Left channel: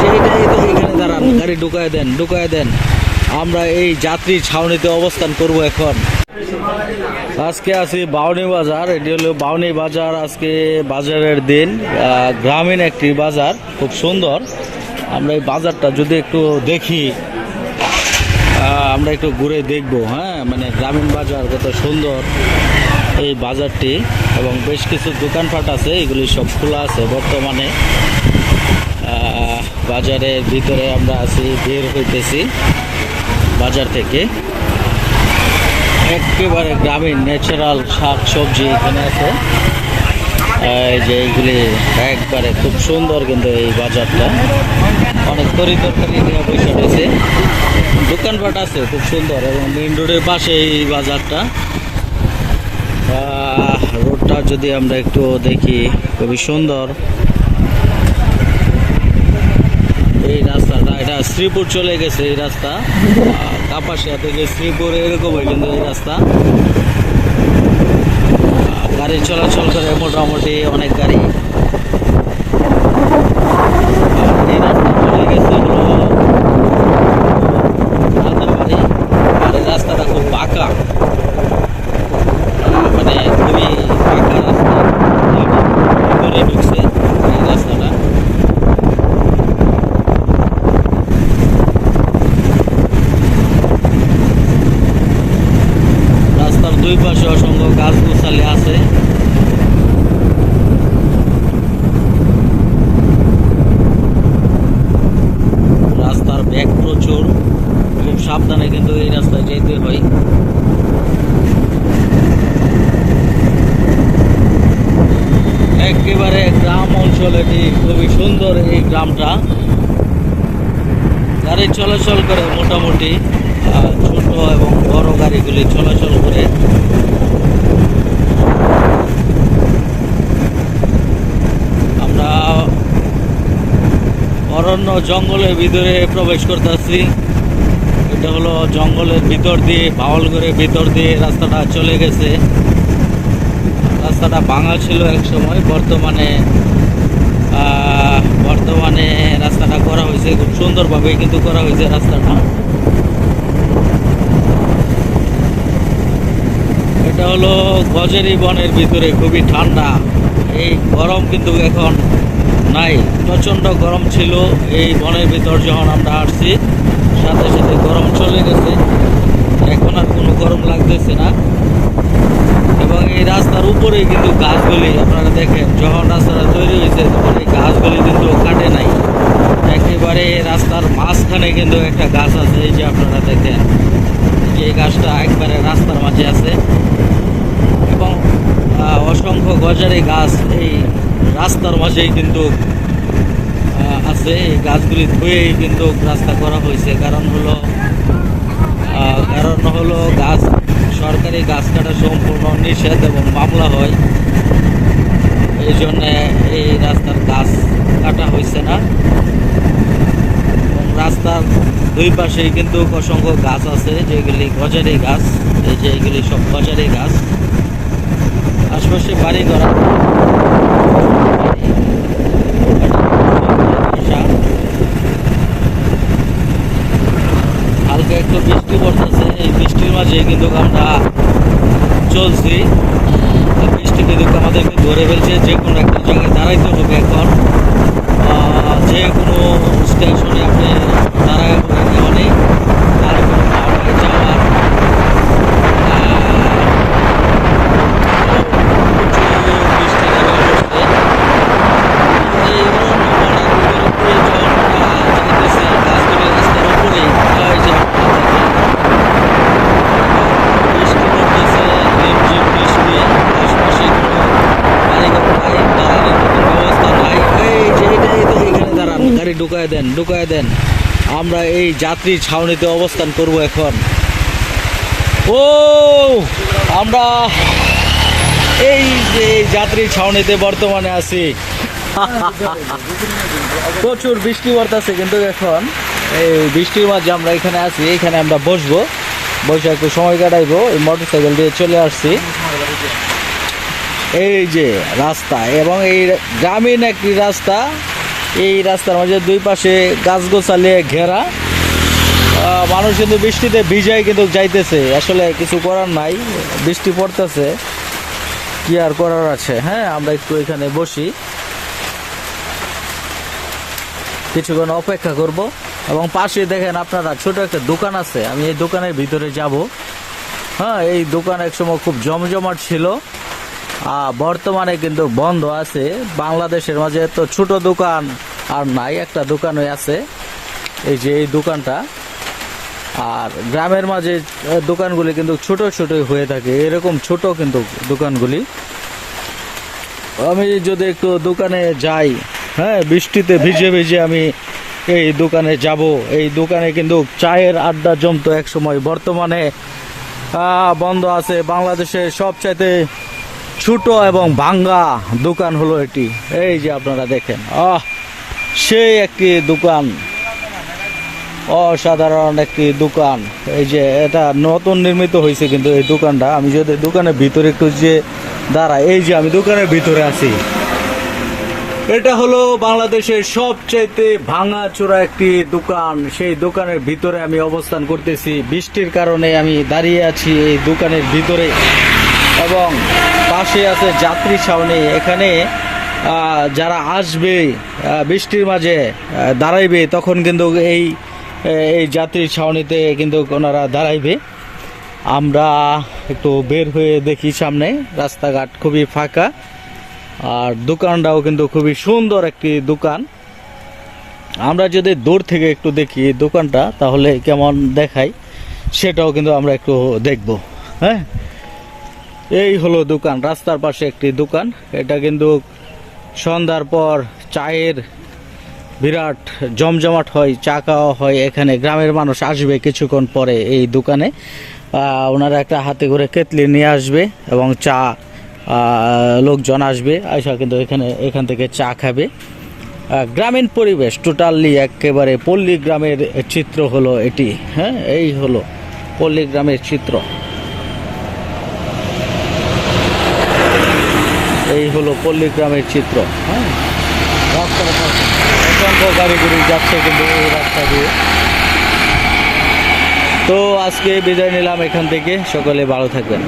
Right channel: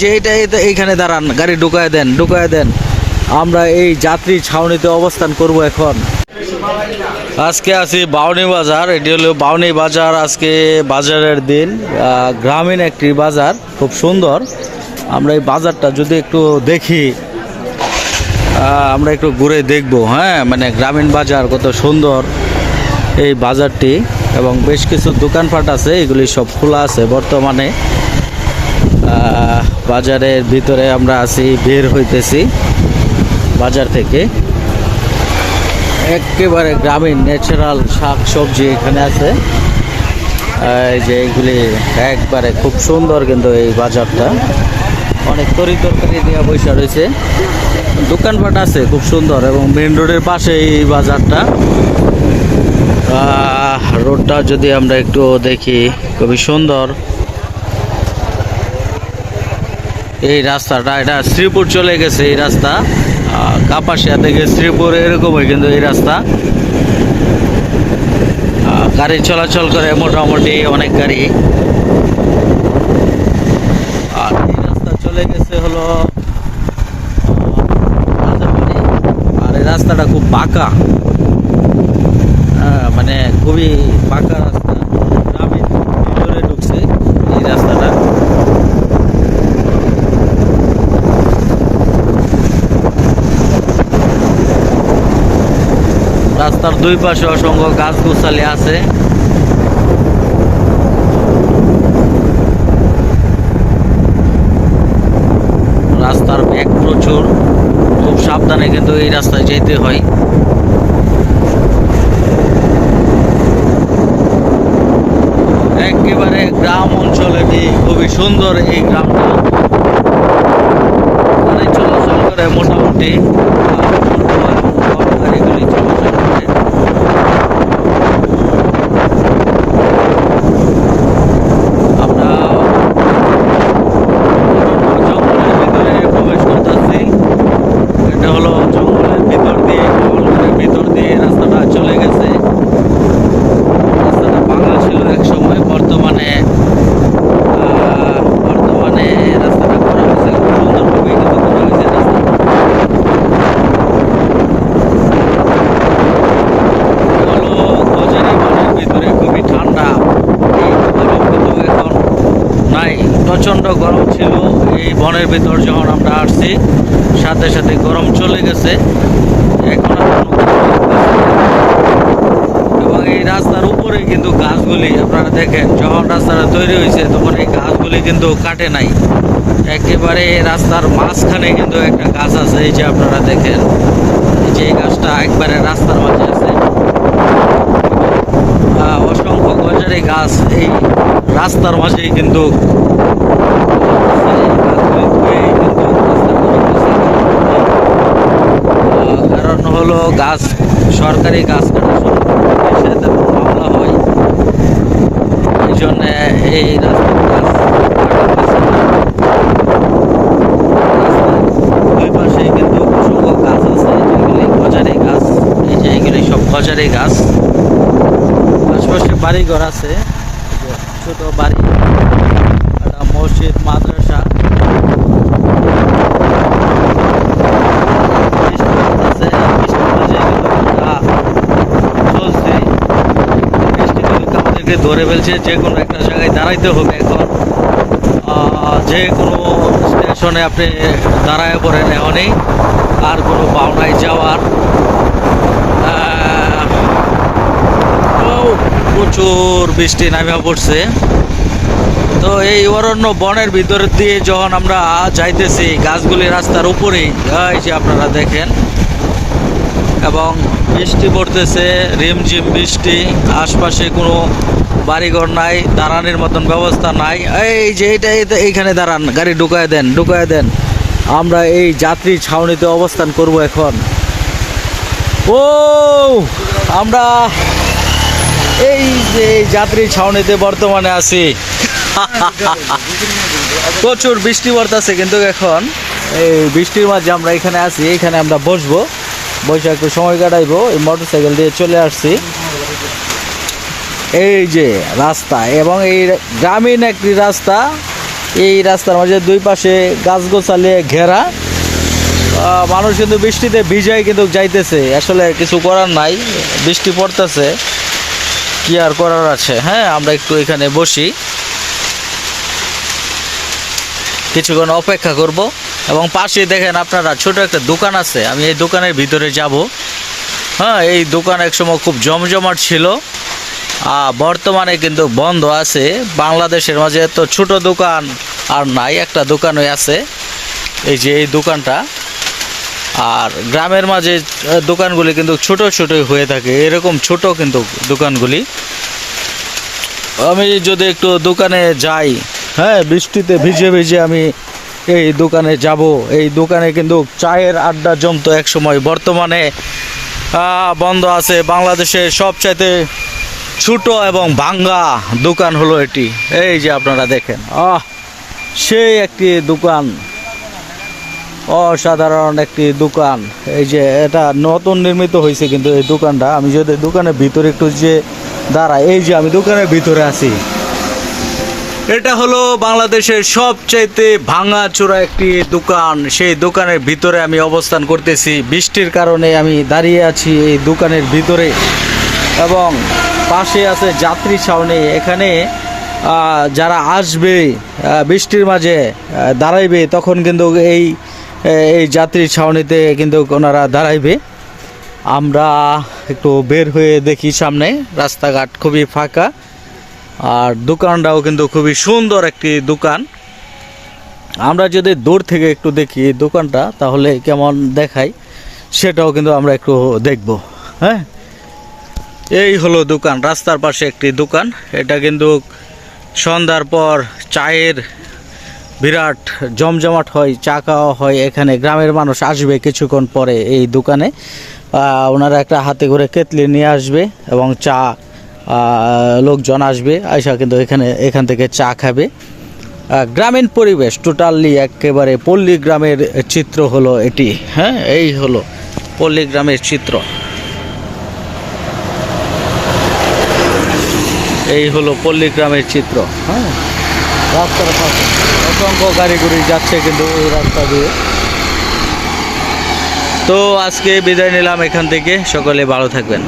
যে এইখানে দাঁড়ান, গাড়ি ঢুকায় দেন। আমরা এই যাত্রী ছাউনিতে অবস্থান করব এখন। আজকে আছি বাউনি বাজার। এটি হলো বাউনি বাজার। আজকে বাজারের দিন, গ্রামীণ একটি বাজার, খুব সুন্দর। আমরা এই বাজারটা যদি একটু দেখি, আমরা একটু ঘুরে দেখব। হ্যাঁ, মানে গ্রামীণ বাজার কত সুন্দর এই বাজারটি, এবং বেশ কিছু দোকানপাট আছে, এগুলি সব খোলা আছে বর্তমানে। বাজারের ভিতরে আমরা আছি, বের হইতেছি বাজার থেকে। একেবারে গ্রামীণ ন্যাচারাল শাক সবজি এখানে আছে। এই যে এইগুলি একবারে খুব সুন্দর, কিন্তু এই বাজারটা অনেক তরকারি নিয়ে বসে রয়েছে, দোকানপাট আছে খুব সুন্দর, এবং মেন রোডের পাশে এই বাজারটা। রোডটা যদি আমরা একটু দেখি, খুবই সুন্দর এই রাস্তাটা। এটা শ্রীপুর চলে গেছে এই রাস্তা, কাপাসিয়া থেকে শ্রীপুর এরকম হয় কিন্তু এই রাস্তা। গাড়ি চলাচল করে মোটামুটি অনেক গাড়ি। আর এই রাস্তা চলে গেছে হলো রাজারবাড়ি। আর এই রাস্তাটা খুব বাঁকা, মানে খুবই বাঁকা রাস্তা, ঘুরে ঢুকছে এই রাস্তাটা। রাস্তার দুই পাশে অসংখ্য গাছগুছালি আছে। রাস্তার বেগ প্রচুর, খুব সাবধানে কিন্তু এই রাস্তায় যেতে হয়। একেবারে গ্রাম অঞ্চলে খুবই সুন্দর এই গ্রামটা। গাড়ি চলাচল করে মোটামুটি, ছোট এবং বড় গাড়িগুলি চলাচল করে। আমরা অরণ্য জঙ্গলের ভিতরে প্রবেশ করতেছি। এটা হলো জঙ্গলের ভিতর দিয়ে, পাওয়ালগড়ের ভিতর দিয়ে রাস্তাটা চলে গেছে। রাস্তাটা ভাঙা ছিল এক সময়, বর্তমানে রাস্তাটা করা হয়েছে খুব সুন্দরভাবে, কিন্তু করা হয়েছে রাস্তাটা। এটা হলো গজারি বনের ভিতরে, খুবই ঠান্ডা। এই গরম কিন্তু এখন নাই, প্রচণ্ড গরম ছিল এই বনের ভিতর যখন আমরা আসছি, সাথে সাথে গরম চলে গেছে, এখন কোনো গরম লাগতেছে না। এবং এই রাস্তার উপরেই কিন্তু গাছগুলি আপনারা দেখেন, যখন রাস্তাটা তৈরি হয়েছে তখন এই গাছগুলি কিন্তু কাটে নাই। একেবারে রাস্তার মাঝখানে কিন্তু একটা গাছ আছে, এই যে আপনারা দেখেন, যে গাছটা একবারে রাস্তার মাঝে আছে। অসংখ্য গজারি গাছ এই রাস্তার মাঝেই কিন্তু আছে। এই গাছগুলি ধুয়েই কিন্তু রাস্তা করা হয়েছে, কারণ হলো গাছ, সরকারি গাছ কাটা নিষেধ এবং মামলা হয়, এই জন্যে এই রাস্তার গাছ কাটা হয়েছে না। রাস্তার দুই পাশে কিন্তু অসংখ্য গাছ আছে, যেগুলি গজারি গাছ। এই যে এগুলি সব গজারি গাছ। আশপাশে বাড়িঘর আছে, বাড়ি, মসজিদ, মাদ্রাসা। একটু বৃষ্টি পড়তেছে, এই বৃষ্টির মাঝে কিন্তু আমরা চলছি। বৃষ্টি কিন্তু আমাদেরকে ধরে ফেলছে, যে কোনো একটা জায়গায় দাঁড়াইতে হবে এখন। যে কোনো স্টেশনে আপনি দাঁড়ায় পড়েন এখনই, আর কোনো বাংলায় যাওয়ার। প্রচুর বৃষ্টি নামেও পড়ছে। তো এই অরণ্য বনের ভিতর দিয়ে যখন আমরা যাইতেছি, গাছগুলি রাস্তার উপরেই, এই যে আপনারা দেখেন, এবং বৃষ্টি পড়তেছে, রিমঝিম বৃষ্টি। আশপাশে কোনো বাড়িঘর নাই, দাঁড়ানোর মতন ব্যবস্থা নাই। এই যে এইখানে দাঁড়ান, গাড়ি ঢুকায় দেন। আমরা এই যাত্রী ছাউনিতে অবস্থান করব এখন। ও, আমরা এই যে যাত্রী ছাউনিতে বর্তমানে আছি। প্রচুর বৃষ্টি পড়তেছে কিন্তু এখন। এই বৃষ্টির মাঝে আমরা এখানে আছি, এখানে আমরা বসবো, বসে একটু সময় কাটাইবো। এই মোটরসাইকেল দিয়ে চলে আসছি। এই যে রাস্তা, এবং এই গ্রামীণ একটি রাস্তা, এই রাস্তার মাঝে দুই পাশে গাছগোছালি ঘেরা। মানুষ কিন্তু বৃষ্টিতে ভিজাই কিন্তু যাইতেছে, আসলে কিছু করার নাই, বৃষ্টি পড়তেছে, কি আর করার আছে। হ্যাঁ, আমরা একটু এখানে বসি, কিছুক্ষণ অপেক্ষা করব। এবং পাশে দেখেন আপনারা ছোট একটা দোকান আছে, আমি এই দোকানের ভিতরে যাব। হ্যাঁ, এই দোকান একসময় খুব জমজমাট ছিল, বর্তমানে কিন্তু বন্ধ আছে। বাংলাদেশের মাঝে তো ছোট দোকান আর নাই, একটা দোকানই আছে, এই যে এই দোকানটা। আর গ্রামের মাঝে দোকানগুলি কিন্তু ছোট ছোটই হয়ে থাকে, এরকম ছোট কিন্তু দোকানগুলি। আমি যদি একটু দোকানে যাই, হ্যাঁ, বৃষ্টিতে ভিজে ভিজে আমি এই দোকানে যাব। এই দোকানে কিন্তু চায়ের আড্ডা জমতো এক সময়, বর্তমানে বন্ধ আছে। বাংলাদেশের সবচাইতে ছোট এবং ভাঙ্গা দোকান হলো এটি। এই যে আপনারা দেখেন, সেই একটি দোকান, অসাধারণ একটি দোকান। এই যে এটা নতুন নির্মিত হয়েছে কিন্তু এই দোকানটা। আমি যদি দোকানের ভিতরে একটু যে দাঁড়াই, এই যে আমি দোকানের ভিতরে আছি, এটা হলো বাংলাদেশের সবচাইতে ভাঙাচোরা একটি দোকান। সেই দোকানের ভিতরে আমি অবস্থান করতেছি, বৃষ্টির কারণে আমি দাঁড়িয়ে আছি এই দোকানের ভিতরে। এবং পাশে আছে যাত্রী ছাউনি, এখানে যারা আসবে বৃষ্টির মাঝে দাঁড়াইবে, তখন কিন্তু এই যাত্রী ছাউনিতে কিন্তু ওনারা দাঁড়াইবে। আমরা একটু বের হয়ে দেখি সামনে, রাস্তাঘাট খুবই ফাঁকা, আর দোকানটাও কিন্তু খুবই সুন্দর একটি দোকান। আমরা যদি দূর থেকে একটু দেখি দোকানটা, তাহলে কেমন দেখায় সেটাও কিন্তু আমরা একটু দেখব। হ্যাঁ, এই হলো দোকান, রাস্তার পাশে একটি দোকান। এটা কিন্তু সন্ধ্যার পর চায়ের বিরাট জমজমাট হয়, চা খাওয়া হয় এখানে। গ্রামের মানুষ আসবে কিছুক্ষণ পরে এই দোকানে, ওনারা একটা হাতে করে কেতলি নিয়ে আসবে এবং চা লোকজন আসবে, আয়সা কিন্তু এখান থেকে চা খাবে। গ্রামীণ পরিবেশ, টোটালি একেবারে পল্লী গ্রামের চিত্র হলো এটি। হ্যাঁ, এই হলো পল্লী গ্রামের চিত্র, এই হলো পল্লী গ্রামের চিত্র। হ্যাঁ, রাস্তার পাশে অসংখ্য গাড়ি গুড়ি যাচ্ছে কিন্তু এই রাস্তা দিয়ে। তো আজকে বিদায় নিলাম এখান থেকে, সকলে ভালো থাকবেন।